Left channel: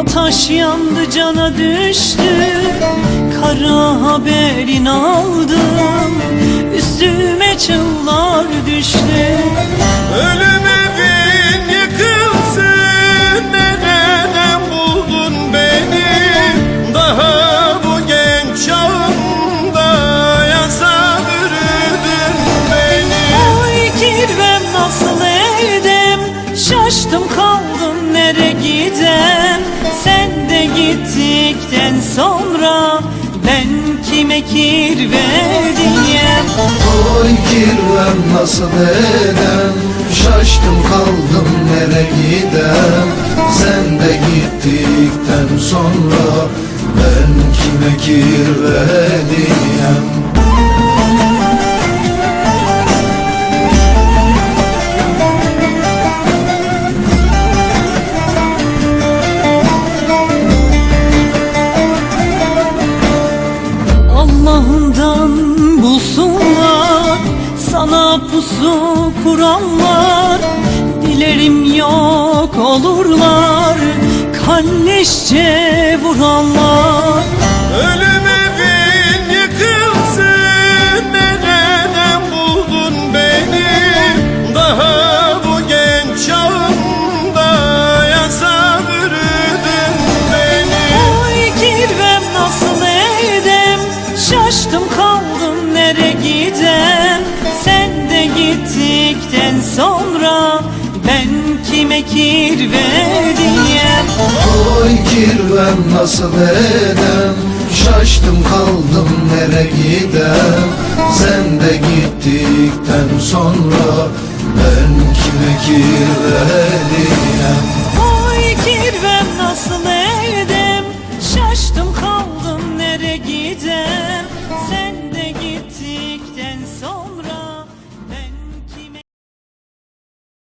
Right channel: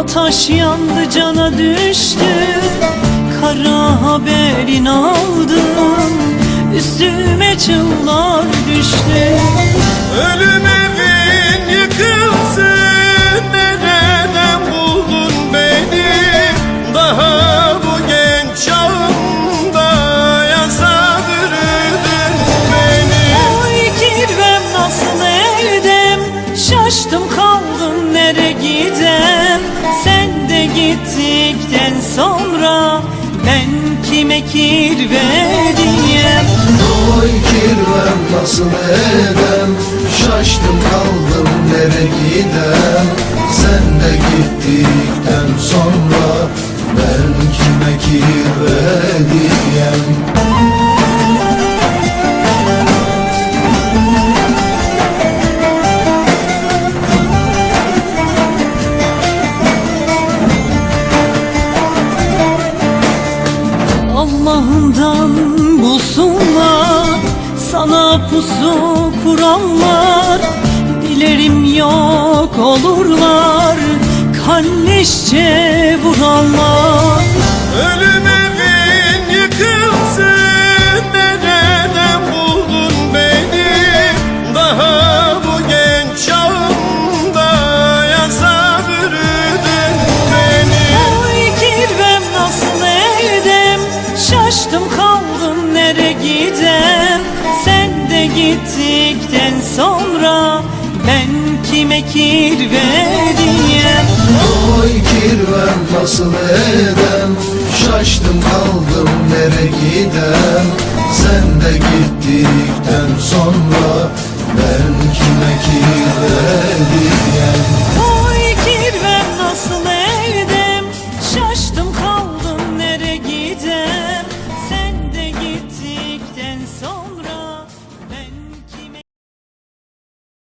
Ataş yandı, cana düştü, kara haberin aldım, üstüme çığlar düştü. Ölüm evin yıkılsın, nereden buldun beni? Daha bu genç çağımda yasa bürüdün beni. Oy kirvem nasıl edem, şaştım kaldım nere gidem. Sen de gittikten sonra ben kime kirve diyem? Oy kirvem nasıl edem, şaştım kaldım nere gidem. Sen de gittikten sonra ben kime kirve diyem? Allah'ından bulsunlar, sana pusu kuranlar. Dilerim yok olurlar, kalleşçe vuranlar. Ölüm evin yıkılsın, nereden buldun beni? Daha bu genç çağımda yasa bürüdün beni. Oy kirvem nasıl edem, şaştım kaldım nere gidem. Sen de gittikten sonra ben kime kirve diyem?